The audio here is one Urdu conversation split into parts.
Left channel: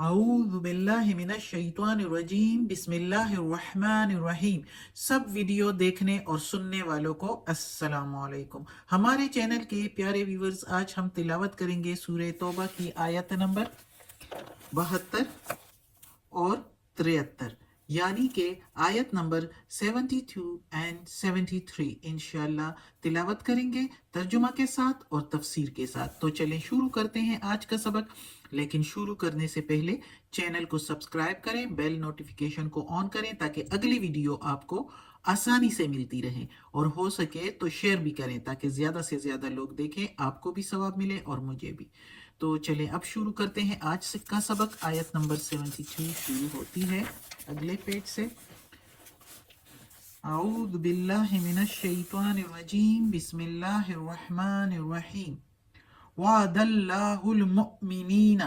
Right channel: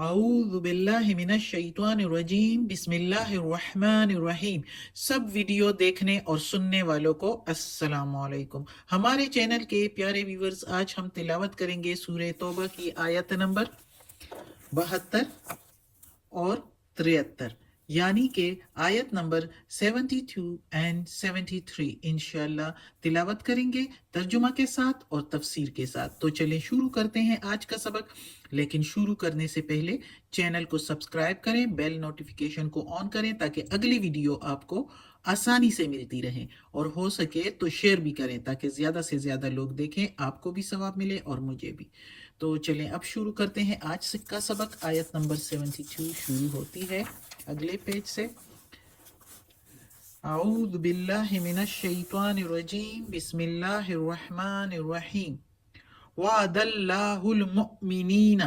اعوذ باللہ من الشیطان الرجیم بسم اللہ الرحمن الرحیم۔ سب ویڈیو دیکھنے اور سننے والوں کو السلام علیکم۔ ہمارے چینل کے پیارے ویورز، آج ہم تلاوت کریں گے سورہ توبہ کی آیت نمبر 72 اور 73، یعنی کہ آیت نمبر 72 اینڈ 73 انشاءاللہ تلاوت کریں گے ترجمہ کے ساتھ اور تفسیر کے ساتھ۔ تو چلیں شروع کرتے ہیں آج کا سبق، لیکن شروع کرنے سے پہلے چینل کو سبسکرائب کریں، بیل نوٹیفیکیشن کو آن کریں تاکہ اگلی ویڈیو آپ کو آسانی سے ملتی رہے، اور ہو سکے تو شیئر بھی کریں تاکہ زیادہ سے زیادہ لوگ دیکھیں، آپ کو بھی ثواب ملے اور مجھے بھی۔ تو چلیں اب شروع کرتے ہیں آج کا سبق۔ آیت نمبر 72 شروع ہوتی ہے اگلے پیج سے۔ اعوذ باللہ من الشیطان الرجیم بسم اللہ الرحمن الرحیم۔ وعد اللہ المؤمنین،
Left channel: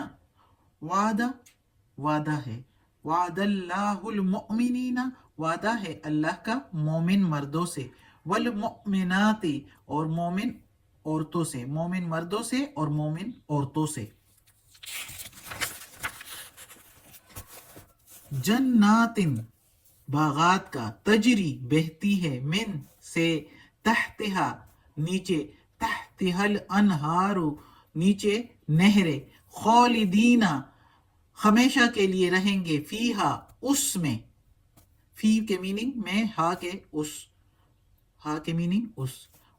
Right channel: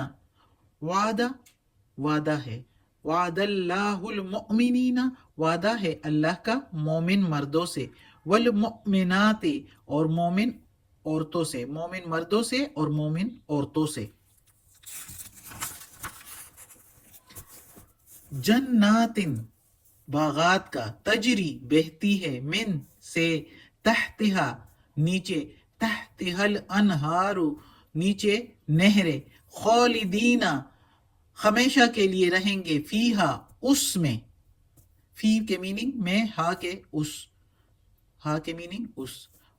وعدہ ہے، وعد اللہ المؤمنین، وعدہ ہے اللہ کا مومن مردوں سے، والمؤمنات اور مومن عورتوں سے، مومن مردوں سے اور مومن عورتوں سے، جنات باغات کا، تجری بہتی ہے، من سے، تحتہا نیچے، تحتہا الانہار نیچے نہریں، خالدین ہمیشہ کے لیے رہیں گے، فیہا اس میں، فی کے میننگ میں، ہا کے اس، ہا کے میننگ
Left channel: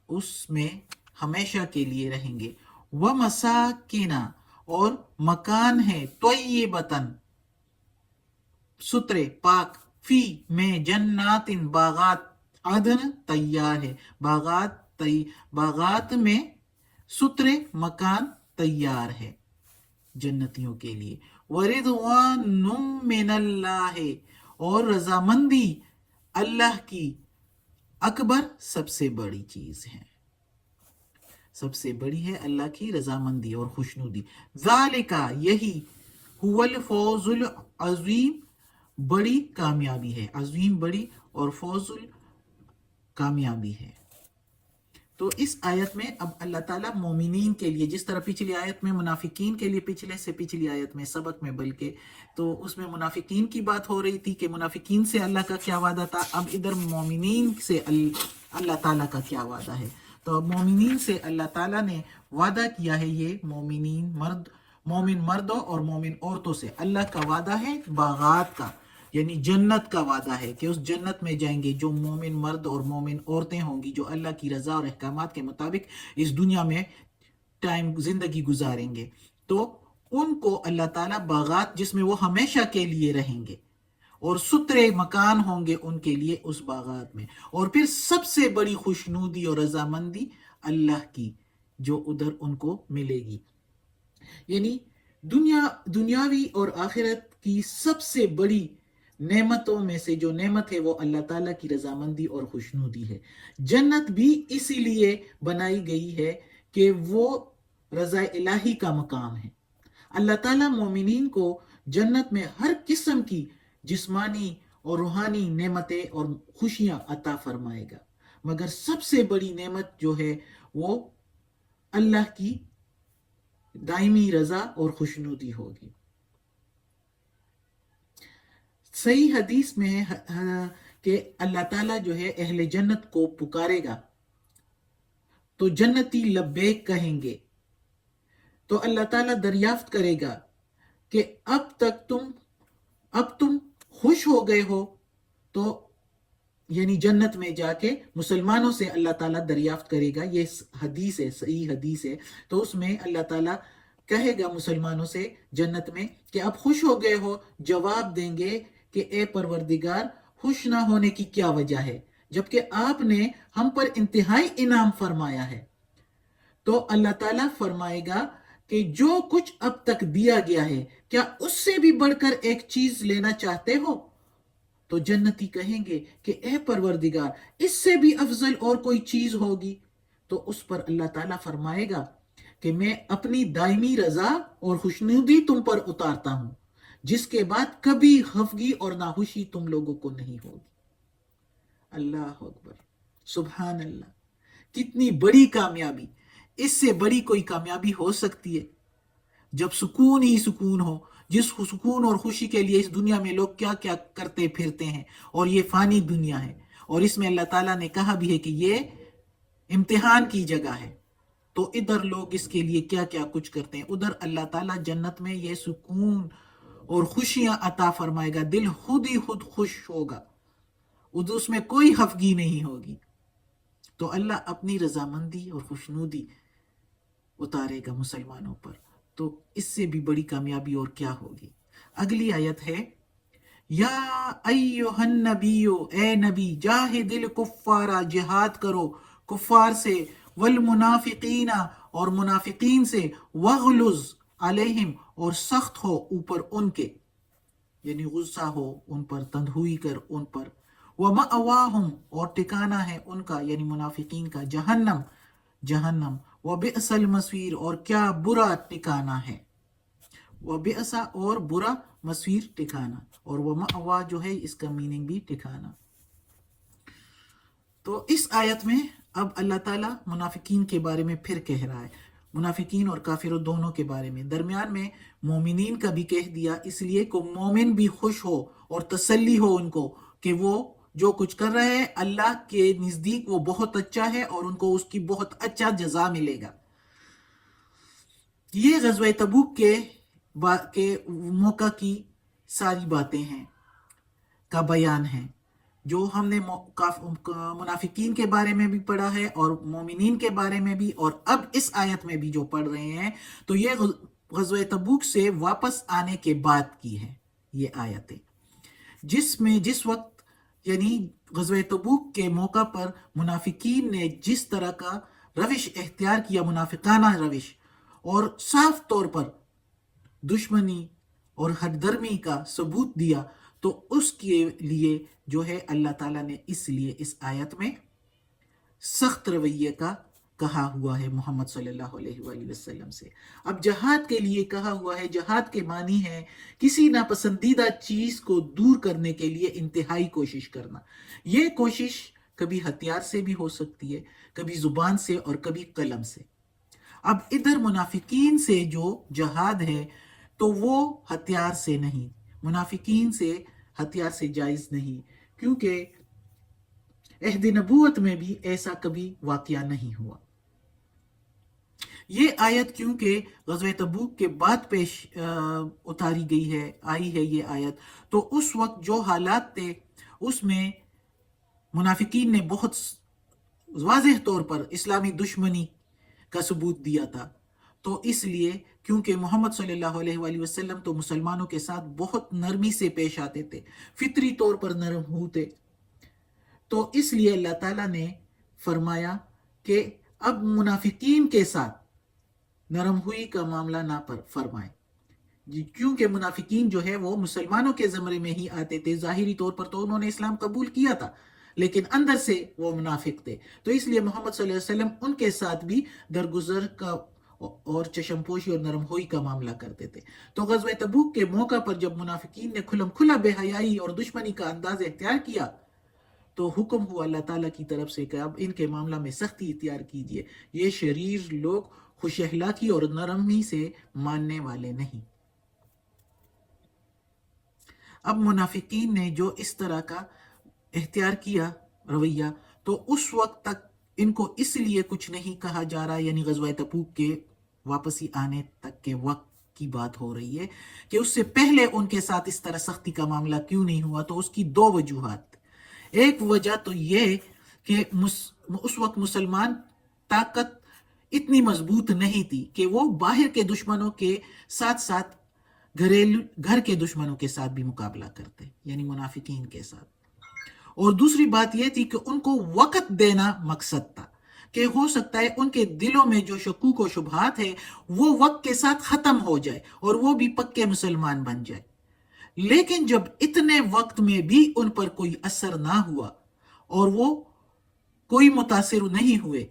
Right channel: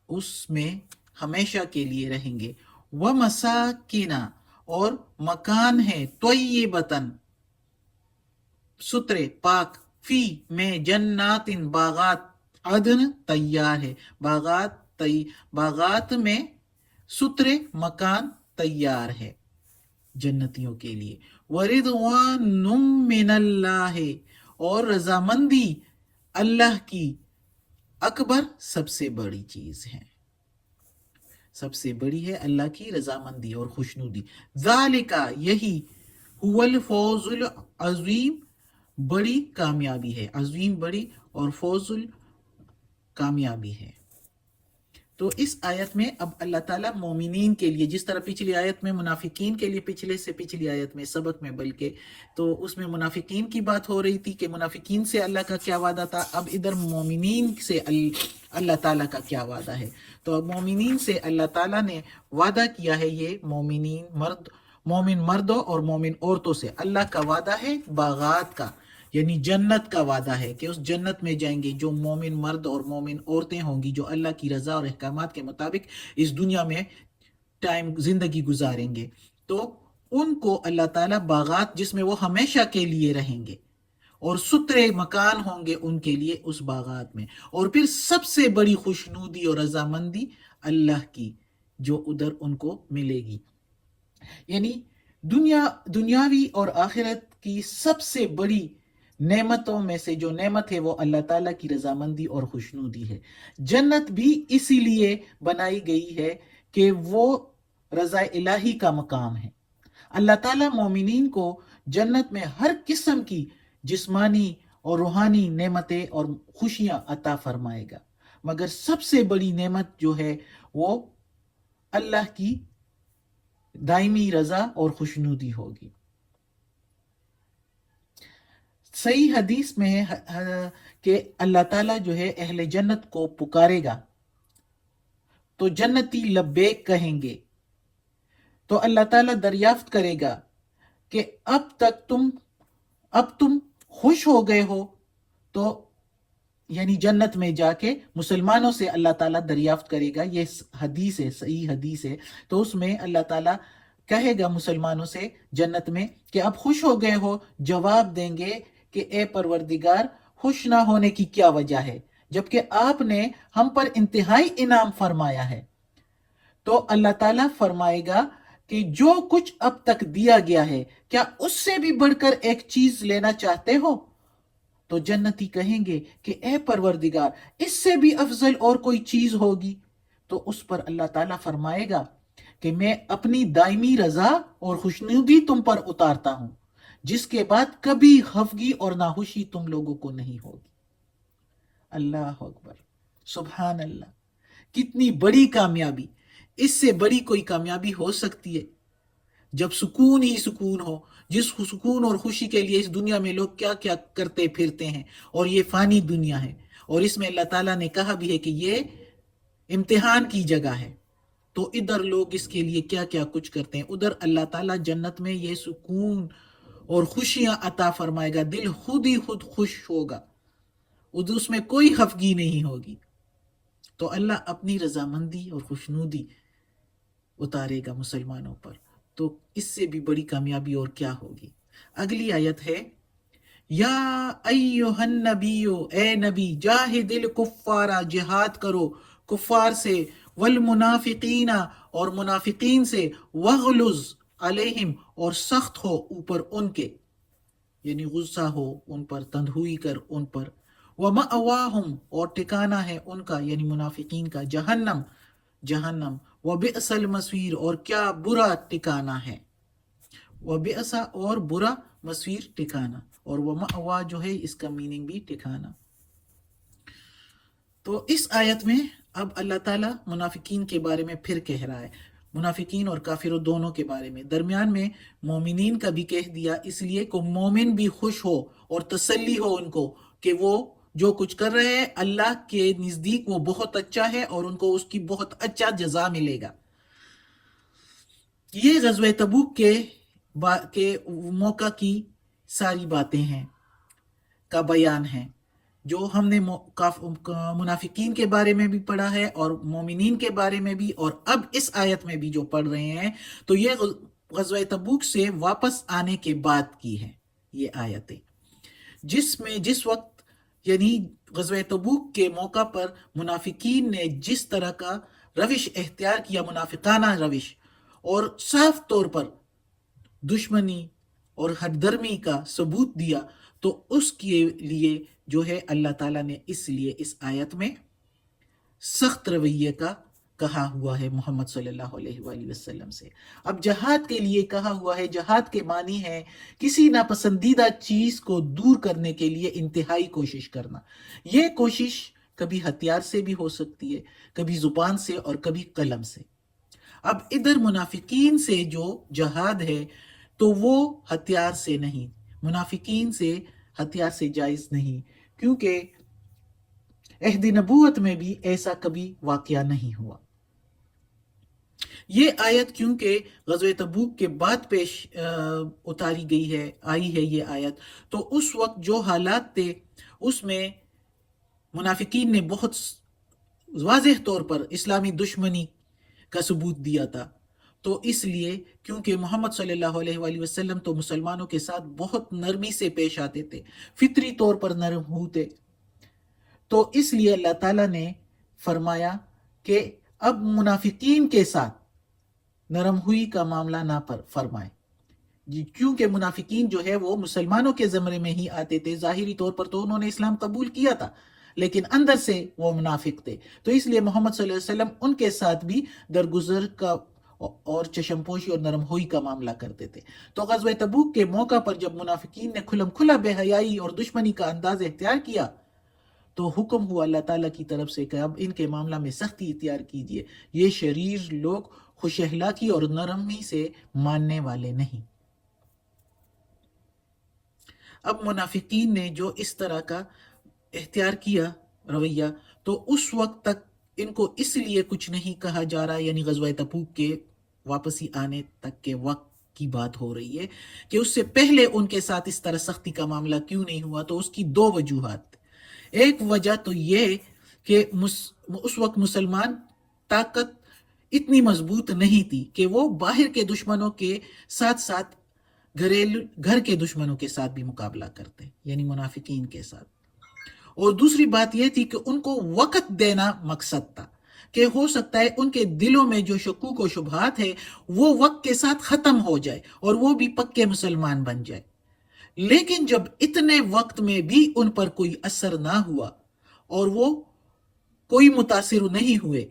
اس میں ہمیشہ کے لیے رہیں گے، ومساکن اور مکان ہے، طیبتن سترے پاک، فی میں، جنات باغات، عدن تیار ہے، باغات میں سترے مکان تیار ہے جنتیوں کے لیے، وَرِضْوَانٌ مِّنَ اللَّهِ اور رضامندی اللہ کی، اکبر سب سے بڑی چیز ہے، سب سے بڑی ہے اللہ کی رضامندی اور خوشنودی، ذالکا یہی، هو الفوز العظیم بڑی کامیابی ہے، عظیم بڑی اور فوز کامیابی ہے۔ تو اس آیت میں اب اللہ تعالیٰ مومنین کے لیے، جس طرح پچھلی آیت میں منافقین کے لیے، پچھلے سے پچھلی آیت میں سبق میں بلکہ، تو اس میں منافقین کی بات ہو رہی تھی کہ منافقین سے اللہ کا کیا وعدہ تھا، اب ادھر مومنین سے اللہ تعالیٰ کا کیا وعدہ ہے۔ تو اب مومنین سے اللہ تعالیٰ نے وعدہ کیا ہے، یہ مومن مردوں اور مومن عورتوں سے اللہ کا وعدہ ہے باغات کا، یعنی جنت کا وعدہ ہے کہ اس جنت میں جائیں گے جو مومن مرد اور مومن عورتیں ہوں گی، جو اللہ کی رضا اور احکامات کے مطابق اس دنیا میں زندگی گزاریں گے، تو ان کو اللہ تعالیٰ باغات جس میں وہ ہمیشہ کے لیے رہیں گے، اور سترے مکان ہوں گے ان کے لیے اس باغات میں، اور پھر سب سے بڑی خوشنودی اور رضامندی اللہ کی جو ادھر ان کو ملے گی، یعنی دنیاوی اور آخرت کی سب سے بڑی نعمتوں میں سے جو نعمت ہے وہ اللہ تعالیٰ کی رضامندی اور خوشنودی ہے۔ جنت بھی اسی لیے بنائی گئی ہے کہ وہ رضا الہی کا مقام ہے۔ اللہ تعالیٰ مومنین کو جنت میں ہر قسم کی جسمانی اور روحانی نعمتیں اور خوشیاں عطا فرمائے گا، مگر سب سے بڑی نعمت جو ہے وہ اللہ کی دائمی رضا اور خوشنودی ہوگی۔ صحیح حدیث میں ہے کہ اللہ تعالیٰ جو ہے اہل جنت کو پکارے گا تو جنتی لبیک کہیں گے، تو اللہ تعالیٰ دریافت کرے گا کہ اب تم خوش ہو گئے ہو، تو یعنی جنت میں جا کے مسلمانوں سے اللہ تعالیٰ دریافت کرے گا، یہ حدیث ہے، صحیح حدیث ہے، تو اس میں اللہ تعالیٰ کہے گا مسلمانوں سے جنت میں کہ اب خوش ہو گئے ہو، جواب دیں گے کہ اے پروردگار خوش نہ ہونے کی کیا وجہ ہے، جبکہ آپ نے ہم پر انتہائی انعام فرمایا ہے۔ تو اللہ تعالیٰ فرمائے گا کہ جو کچھ اب تک دیا گیا ہے، کیا اس سے بھی بڑھ کر ایک چیز لینا چاہتے ہو؟ تو جنتی کہیں گے کہ اے پروردگار اس سے بھی افضل اور کوئی چیز ہوگی، تو اس پر اللہ تعالیٰ فرمائے گا کہ میں اپنی دائمی رضا اور خوشنودی تم پر اتارتا ہوں، جس کے بعد کبھی خفگی اور ناخوشی تم لوگوں کو نہیں ہوگی۔ اللہ اکبر، سبحان اللہ، کتنی بڑی کامیابی، اس سے بڑی کوئی کامیابی ہو سکتی ہے؟ جب سکون ہی سکون ہو، جس سکون اور خوشی کے لیے اس دنیا میں لوگ کیا کیا کرتے پھرتے ہیں، اور یہ فانی دنیا ہے، اور اس میں اللہ تعالیٰ نے کہا بھی ہے کہ یہ امتحان کی جگہ ہے، تو ادھر لوگ اس کے لیے کیا کیا کچھ کرتے ہیں، ادھر اللہ تعالیٰ جنت میں یہ سکون اور خوشیاں عطا فرمائے گا، دل خود ہی خود خوش ہوگا، ادھر اس میں کوئی خفگی نہیں ہوگی، تو اللہ اپنی رضامندی اور خوشنودی اتارے گا مسلمانوں پر، تو اس سے بھی بڑی کامیابی اور کیا ہوگی۔ اگلی آیت ہے، یا ایہا النبی، اے نبی، جاہد الکفارا، جہاد کرو کفار سے، والمنافقین، اور منافقین سے، وغلظ علیہم، اور سخت ہو اوپر ان کے، یعنی غصہ ہو ان پر، تندہوئی کر ان پر، ومأواہم، اور ٹھکانہ ہے ان کا یعنی منافقین کا، جہنم، جہنم، وبئس المصیر، اور کیا برا ٹھکانہ ہے، وبئس، اور برا، مصیر ٹھکانہ، اور ومأوا جو ہے اس کا میننگ بھی ٹھکانہ۔ تو اس آیت میں اب اللہ تعالیٰ منافقین کے بارے میں پھر کہہ رہا ہے، منافقین اور کافروں دونوں کے بارے میں، درمیان میں مومنین کا بھی کہہ دیا، اس لیے کہ مومن بھی خوش ہو اور تسلی ہو ان کو کہ وہ جو کچھ کر رہے ہیں اللہ کے نزدیک وہ بہت اچھا ہے اور ان کو اس کی بہت اچھا جزا ملے گا۔ یہ غزوہ تبوک کے موقع کی ساری باتیں ہیں، کا بیان ہے، جو ہم نے منافقین کے بارے میں بھی پڑھا ہے اور مومنین کے بارے میں بھی، اور اب اس آیت میں بھی جو پڑھ رہے ہیں، تو یہ غزوہ تبوک سے واپس آنے کے بعد کی ہے یہ آیتیں، جس وقت یعنی غزوہ تبوک کے موقع پر منافقین نے جس طرح کا روش اختیار کیا، منافقانہ روش، اور صاف طور پر دشمنی اور ہر درمی کا ثبوت دیا، تو اس کے لیے جو ہے اللہ تعالیٰ نے اس لیے اس آیت میں سخت رویے کا کہا ہوا ہے محمد صلی اللہ علیہ وآلہ وسلم سے۔ اب جہاد کے لیے کہا ہوا ہے، جہاد کے معنی ہے کسی ناپسندیدہ چیز کو دور کرنے کے لیے انتہائی کوشش کرنا۔ یہ کوشش کبھی ہتھیار سے بھی ہو سکتی ہے، کبھی زبان سے، اور کبھی قلم سے۔ اب ادھر منافقین سے جو جہاد ہے تو وہ ہتھیار سے نہیں، منافقین سے ہتھیار سے جائز نہیں، کیونکہ عہد نبوت میں بھی ایسا کبھی واقعہ نہیں ہوا۔ یہ آیت کیونکہ غزوہ تبوک کے بعد پیش اتاری گئی ہے، آئی ہے یہ آیت، تو اس وقت جو حالات تھے اس میں منافقین نے بہت واضح طور پر اسلامی دشمنی کا ثبوت دیا تھا، تو اس لیے کیونکہ محمد صلی اللہ علیہ وآلہ وسلم تو مسلمانوں کے ساتھ بہت نرمی سے پیش آتے تھے، فطری طور پر نرم ہوتے، تو اس لیے اللہ تعالیٰ نے فرمایا کہ اب منافقین کے ساتھ نرم ہوئی کا معاملہ نہ فرمائے، کیونکہ منافقین جو ہے وہ مسلمانوں کے زمرے میں ہی آتے تھے، ظاہری طور پر تو انہوں نے اسلام قبول کیا تھا لیکن اندر سے وہ منافق تھے، تو اس لیے محمد صلی اللہ علیہ وسلم ان کے ساتھ بھی درگزر کا اور چشم پوشی اور نرم ہوئی کا معاملہ کرتے تھے۔ تو غزوہ تبوک کے موقع پر جب منافقین نے کھلم کھلا بے حیائی اور دشمنی کا انداز اختیار کیا، تو حکم ہوا اللہ تعالیٰ کی طرف سے کہ اب ان کے معاملہ میں سختی اختیار کیجیے، یہ شریر لوگ خوش اخلاقی اور نرمی سے ماننے والے نہیں۔ اب منافقین نے جو اس طرح کا اختیار کیا رویہ، تو اس وقت تک ان کو اس لیے کچھ نہیں کہا جا رہا، یعنی غزوہ تبوک کے واپسی آنے تک کے وقت کی بات ہو رہی ہے کہ اس سے پہلے ان کے ساتھ اس طرح سختی کا معاملہ کیوں نہیں ہوا، تو اس کی دو وجوہات۔ ایک وجہ تو یہ کہ اس وقت مسلمان طاقت اتنی مضبوط نہیں تھی کہ وہ باہر کے دشمنوں کے ساتھ ساتھ گھر کے دشمنوں کے ساتھ بھی مقابلہ کرتے، یعنی منافقین کے ساتھ۔ اور دوسری بات یہ تھی کہ ان کو وقت دینا مقصد تھا، کہ ہو سکتا ہے ان کے دلوں میں جو شکوک و شبہات ہے وہ وقت کے ساتھ ختم ہو جائے اور وہ بھی پکے مسلمان بن جائے، لیکن جب اتنے وقت میں بھی ان پر کوئی اثر نہ ہوا اور وہ کوئی متاثر نہیں ہوئے،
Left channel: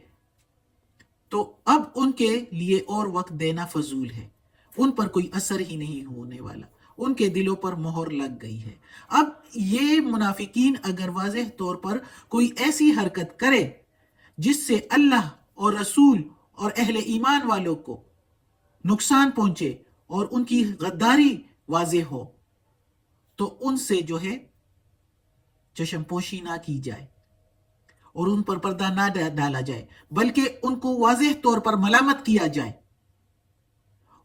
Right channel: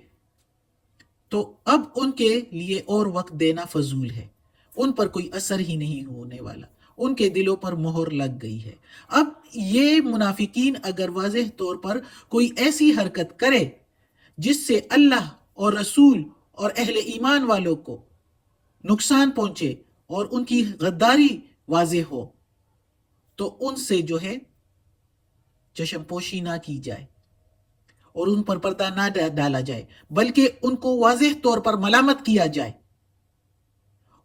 تو اب ان کے لیے اور وقت دینا فضول ہے، ان پر کوئی اثر ہی نہیں ہونے والا، ان کے دلوں پر مہر لگ گئی ہے۔ اب یہ منافقین اگر واضح طور پر کوئی ایسی حرکت کرے جس سے اللہ اور رسول اور اہل ایمان والوں کو نقصان پہنچے اور ان کی غداری واضح ہو تو ان سے جو ہے چشم پوشی نہ کی جائے اور ان پر پردہ نہ ڈالا جائے، بلکہ ان کو واضح طور پر ملامت کیا جائے،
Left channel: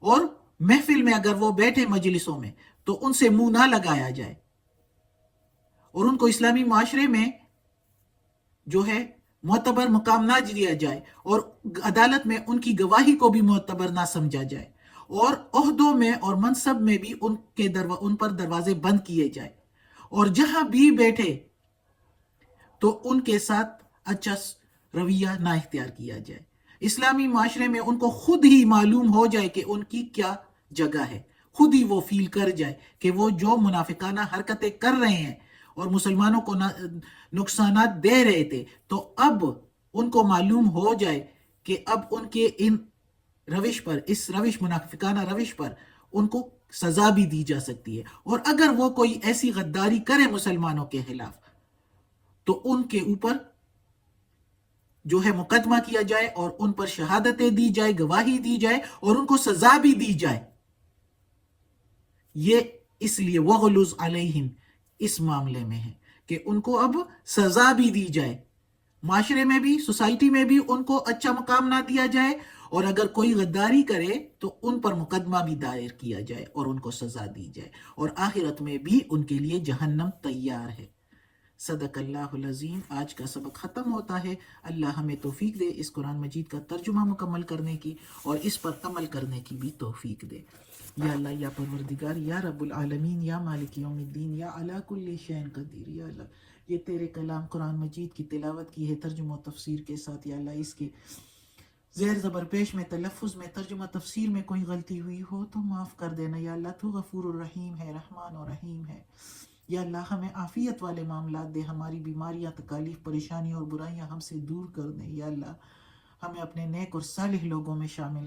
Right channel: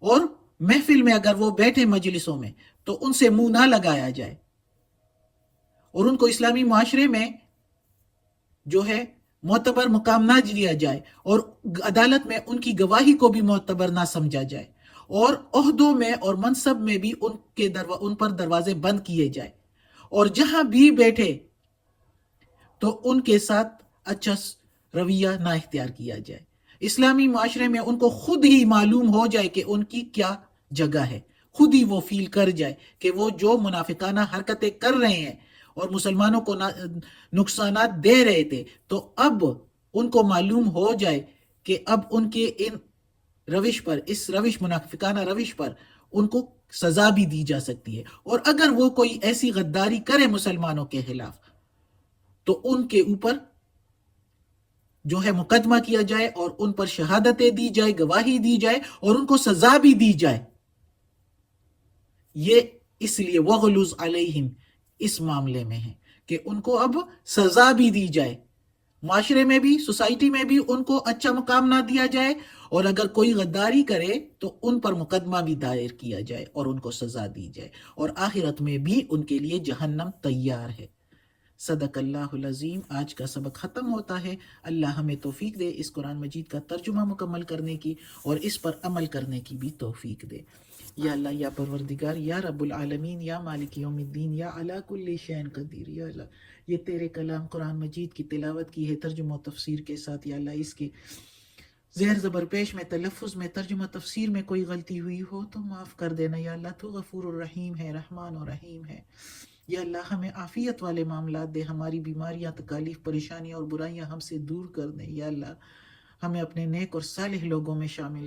اور محفل میں اگر وہ بیٹھے مجلسوں میں تو ان سے منہ نہ لگایا جائے، اور ان کو اسلامی معاشرے میں جو ہے معتبر مقام نہ دیا جائے، اور عدالت میں ان کی گواہی کو بھی معتبر نہ سمجھا جائے، اور عہدوں میں اور منصب میں بھی ان پر دروازے بند کیے جائے، اور جہاں بھی بیٹھے تو ان کے ساتھ اچھا رویہ نہ اختیار کیا جائے۔ اسلامی معاشرے میں ان کو خود ہی معلوم ہو جائے کہ ان کی کیا جگہ ہے، خود ہی وہ فیل کر جائے کہ وہ جو منافقانہ حرکتیں کر رہے ہیں اور مسلمانوں کو نقصانات دے رہے تھے، تو اب ان کو معلوم ہو جائے کہ اب ان کے ان روش پر، اس منافقانہ روش پر ان کو سزا بھی دی جا سکتی ہے، اور اگر وہ کوئی ایسی غداری کرے مسلمانوں کے خلاف تو ان کے اوپر جو ہے مقدمہ کیا جائے اور ان پر شہادتیں دی جائے، گواہی دی جائے، اور ان کو سزا بھی دی جائے۔ یہ اس لیے وغلظ علیہم اس معاملے میں ہے کہ ان کو اب سزا بھی دی جائے، معاشرے میں بھی، سوسائٹی میں بھی ان کو اچھا مقام نہ دیا جائے، اور اگر کوئی غداری کرے تو ان پر مقدمہ بھی دائر کیا جائے اور ان کو سزا دی جائے، اور آخرت میں بھی ان کے لیے جہنم تیار ہے۔ صدق اللہ العظیم۔ آج کا سبق ختم ہوتا ہے۔ اللہ ہمیں توفیق دے اس قرآن مجید کا ترجمہ مکمل کرنے کی اور اس پر عمل کرنے کی بھی توفیق دے۔ یا اللہ، یا پروردگار، یا رب العالمین، یا مالک یوم الدین، یا علی کل شیء قدیر، یا اللہ یہ تیرے کلام قرآن مجید کی تلاوت کی ہے ترجمہ و تفسیر کے ساتھ، یا اللہ اس کے زیر زبر پیش میں، تلفظ میں، ترجمہ تفسیر میں کوئی غلطی ہوئی ہو تو معاف کر دینا، یا اللہ تو غفور الرحیم ہے، رحمان و رحیم ہے۔ یا اللہ ہمیں عافیت والے معاملات دے، ہماری بیماریاں، تکالیف، پریشانیاں اور برائیاں ہم سے دور کر دیں، یا اللہ ہمیں اپنے نیک اور صالح لوگوں میں شامل